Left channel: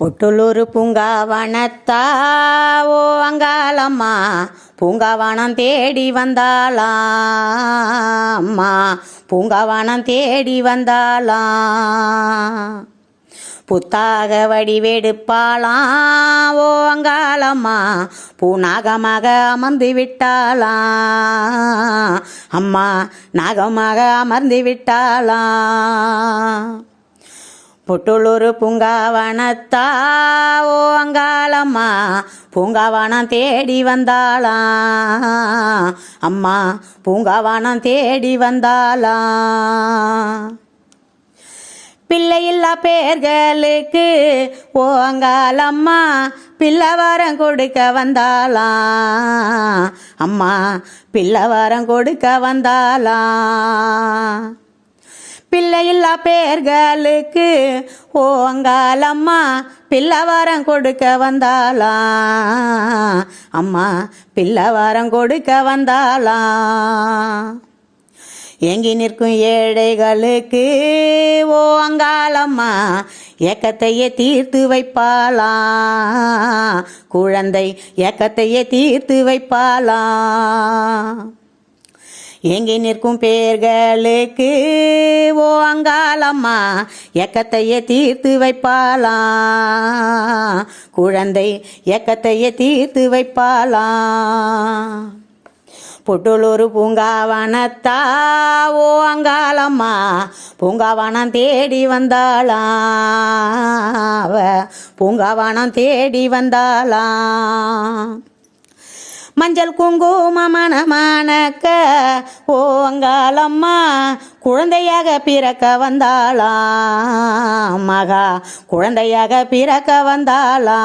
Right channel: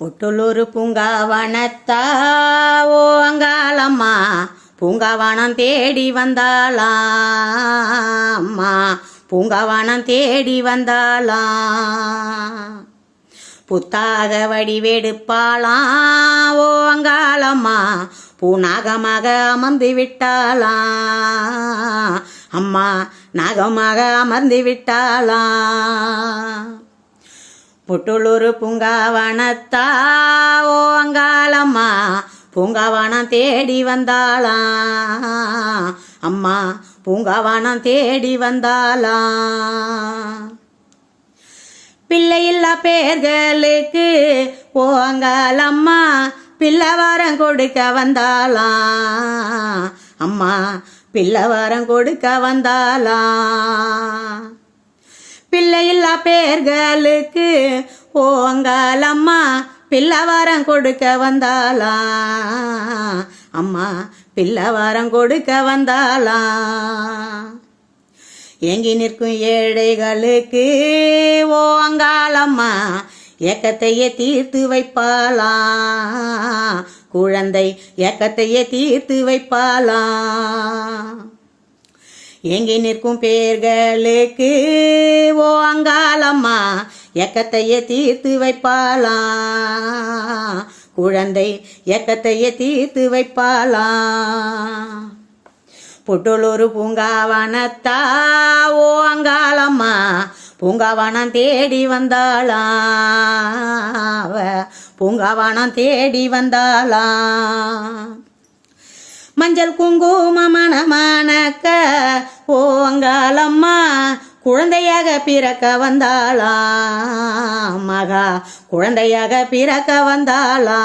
பொட்டுலூர் பூங்காவனத்தா ஓ அங்காளம்மா பூங்காவனம் தேடி வந்தாளா அம்மா பூங்காவனம் தேடி வந்தாளா புத்தாக வடிவெடுப்பாளா ஓ அங்காளம்மா பூநாகமாக அமர்ந்து விட்டாளா அம்மா நாகமாக அமர்ந்து விட்டாளா பொட்டுலூர் பூங்காவனத்தா ஓ அங்காளம்மா பூங்காவனம் தேடி வந்தாளா அம்மா பூங்காவனம் தேடி வந்தாளா பிள்ளையில்லா பேர்களுக்கு ஓ அங்காளம்மா பிள்ளவரம் கொடுக்க வந்தாளா அம்மா பிள்ளவரம் கொடுக்க வந்தாளா பிள்ளையில்லா பேர்களுக்கு ஓ அங்காளம்மா பிள்ளவரம் கொடுக்க வந்தாளா அம்மா பிள்ளவரம் கொடுக்க வந்தாளா ஏங்கி நிற்கும் ஏழைகளுக்கு ஓ அங்காளம்மா ஏக்கத்தையே தீர்த்து வைப்பாளா குழந்தை ஏக்கத்தையே தீர்த்து வைப்பாளா ஏங்கி நிற்கும் பேர்களுக்கு ஓ அங்காளம்மா ஏக்கத்தையே தீர்த்து வைப்பாளா குழந்தை ஏக்கத்தையே தீர்த்து வைப்பாளா பொட்டுலூர் பூங்காவனத்தா ஓ அங்காளம்மா பூங்காவனம் தேடி வந்தாளா பூங்காவனம் தேடி வந்தாளா மஞ்சள் குங்கும மணக்க ஓ அங்காளம்மா குழந்தையாக பிறக்க வந்தாளா மகா குழந்தையாக பிறக்க வந்தாளா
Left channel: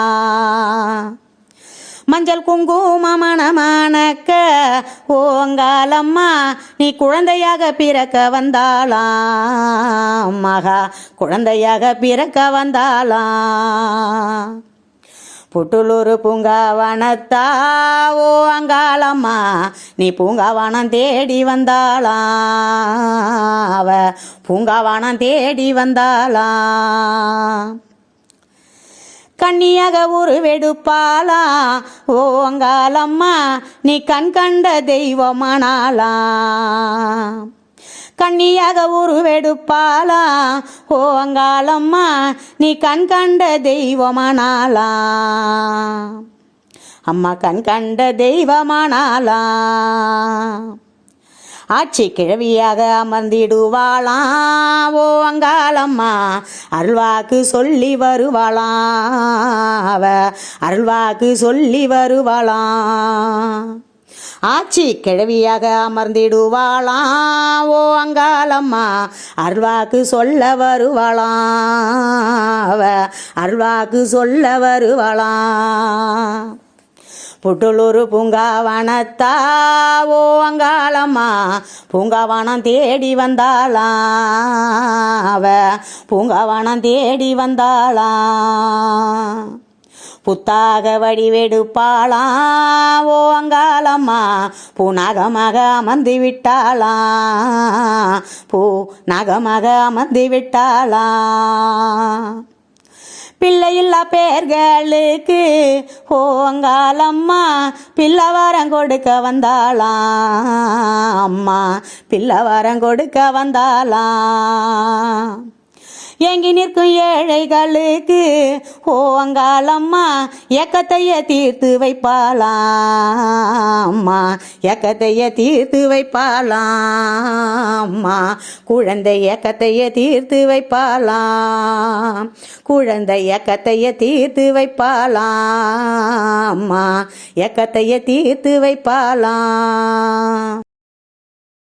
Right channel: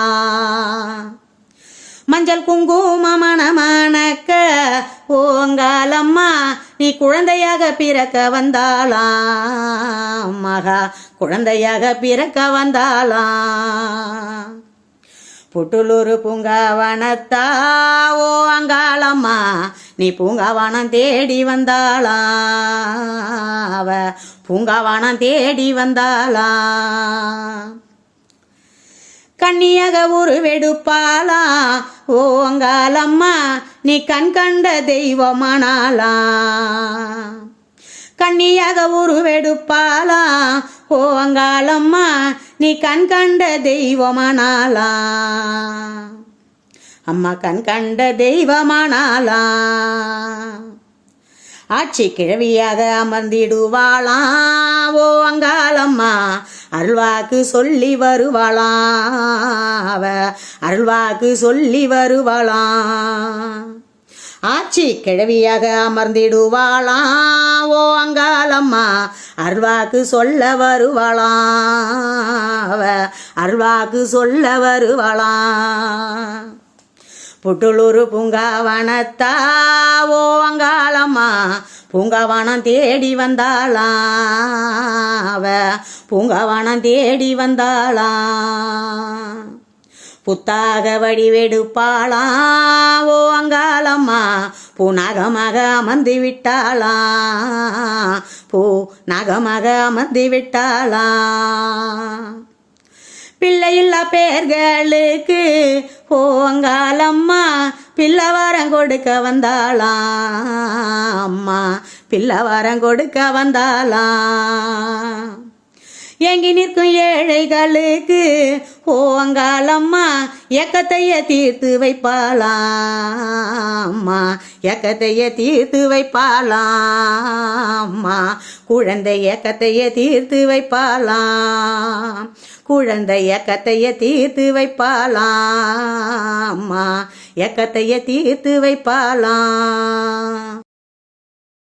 மஞ்சள் குங்கும மணக்க ஓ அங்காளம்மா நீ குழந்தையாக பிறக்க வந்தாளா மகா குழந்தையாக பிறக்க வந்தாளா பொட்டுலூர் பூங்காவனத்தா ஓ அங்காளம்மா நீ பூங்காவனம் தேடி வந்தாளா பூங்காவனம் தேடி வந்தாளா கண்ணியாக உருவெடுப்பாளா ஓ அங்காளம்மா நீ கண் கண்ட தெய்வமானாளா கண்ணியாக உருவெடுப்பாளா ஓ அங்காளம்மா நீ கண் கண்ட தெய்வமானாளா அம்மா கண் கண்ட தெய்வமானாளா ஆட்சி கிழவியாக அமர்ந்திடுவாளா ஓ அங்காளம்மா அருள்வாக்கு சொல்லி வருவாளா அருள்வாக்கு சொல்லி வருவாளா ஆட்சி கிழவியாக அமர்ந்திடுவாளா ஓ அங்காளம்மா அருள்வாக்கு சொல்ல வருவாளா அருள்வாக்கு சொல்ல வருவாளா பொட்டுலூர் பூங்காவனத்தா ஓ அங்காளம்மா பூங்காவனம் தேடி வந்தாளா பூங்காவனம் தேடி வந்தாளா புத்தாக வடிவெடுப்பாளா ஓ அங்காளம்மா பூநாகமாக அமர்ந்து விட்டாளா பூநாகமாக அமர்ந்து விட்டாளா பிள்ளையில்லா பேர்களுக்கு ஓ அங்காளம்மா பிள்ளவரம் கொடுக்க வந்தாளா அம்மா பிள்ளவரம் கொடுக்க வந்தாளா ஏங்கி நிற்கும் ஏழைகளுக்கு ஓ அங்காளம்மா ஏக்கத்தையே தீர்த்து வைப்பாளா அம்மா ஏக்கத்தையே தீர்த்து வைப்பாளா அம்மா குழந்தை ஏக்கத்தையே தீர்த்து வைப்பாளா குழந்தை ஏக்கத்தையே தீர்த்து வைப்பாளா அம்மா ஏக்கத்தையே தீர்த்து வைப்பாளா